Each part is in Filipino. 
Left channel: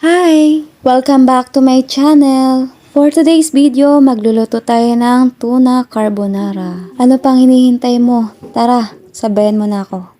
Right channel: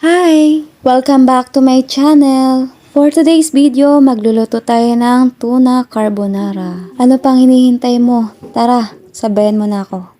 Hi! Welcome back to my channel. For today's video, magluluto tayo ng tuna carbonara. Ano pang hinihintay mo? Tara, sabayan mo na ako.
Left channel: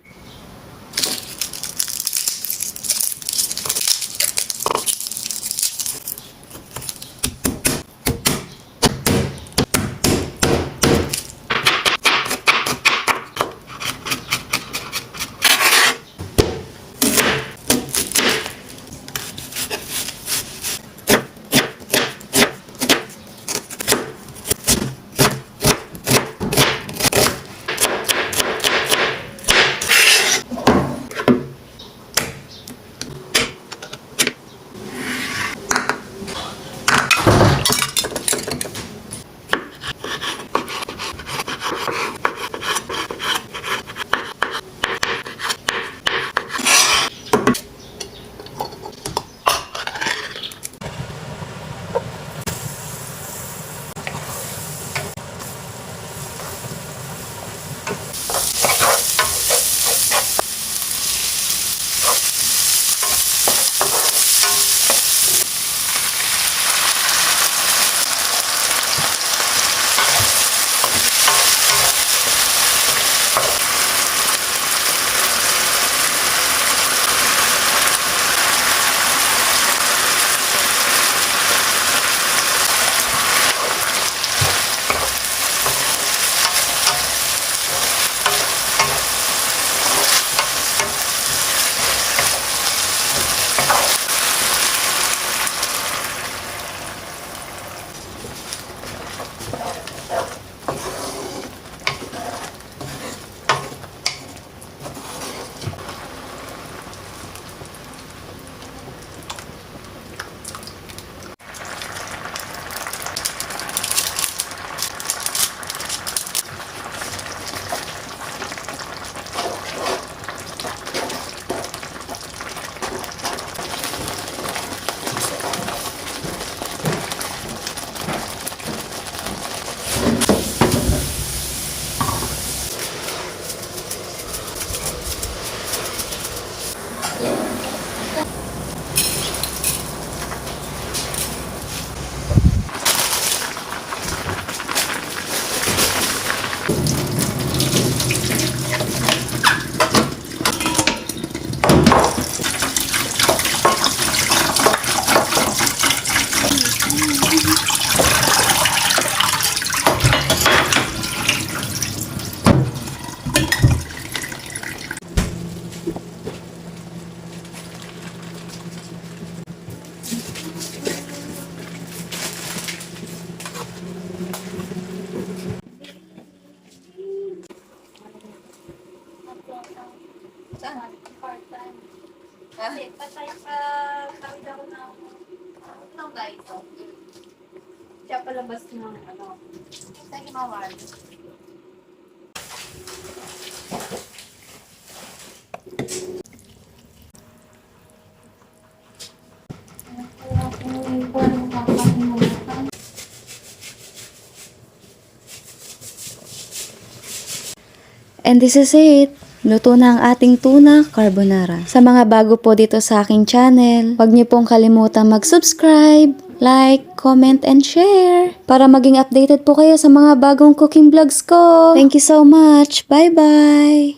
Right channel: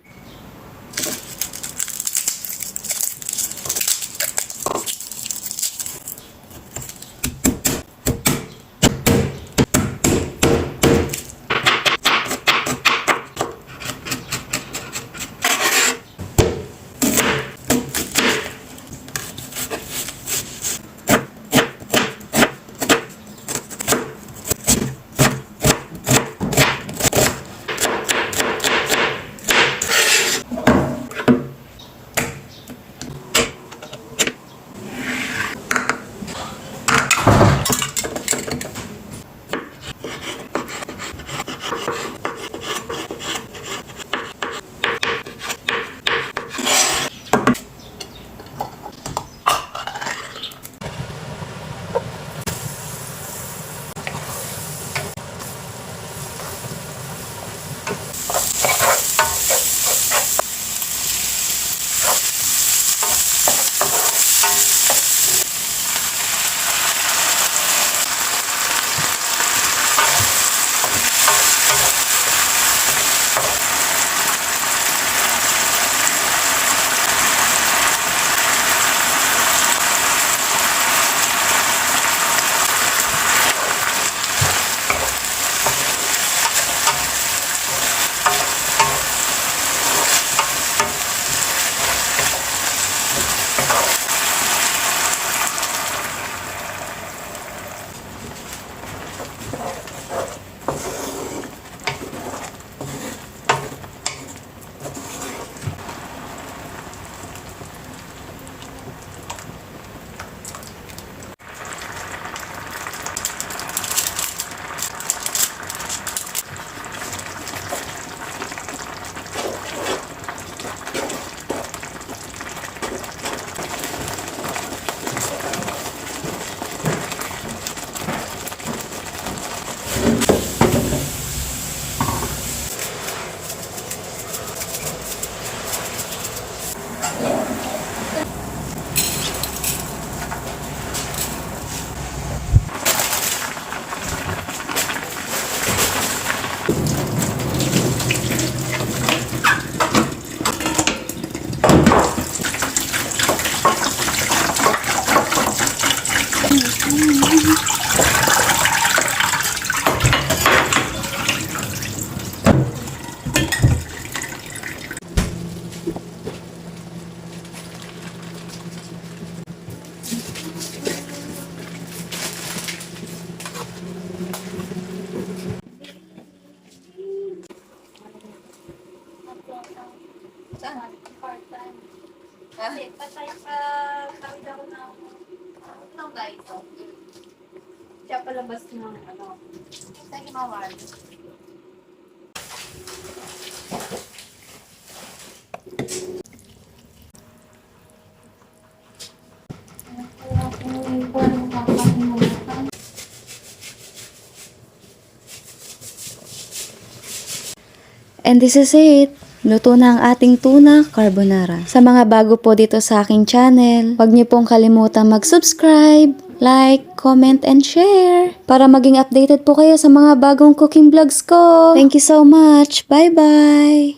Saan? Part-time. Kasi patay pa tawid ako ng guys. Siya palabas ng sa Himawari. And this is it. Luto na ang ating tuna carbonara. Sa mga bago po dito sa aking channel, huwag niyo pong kalimutan mag-subscribe, like, comment, and share para maging updated po kayo sa mga bagong cooking vlogs ko. Thank you so much. Bye-bye!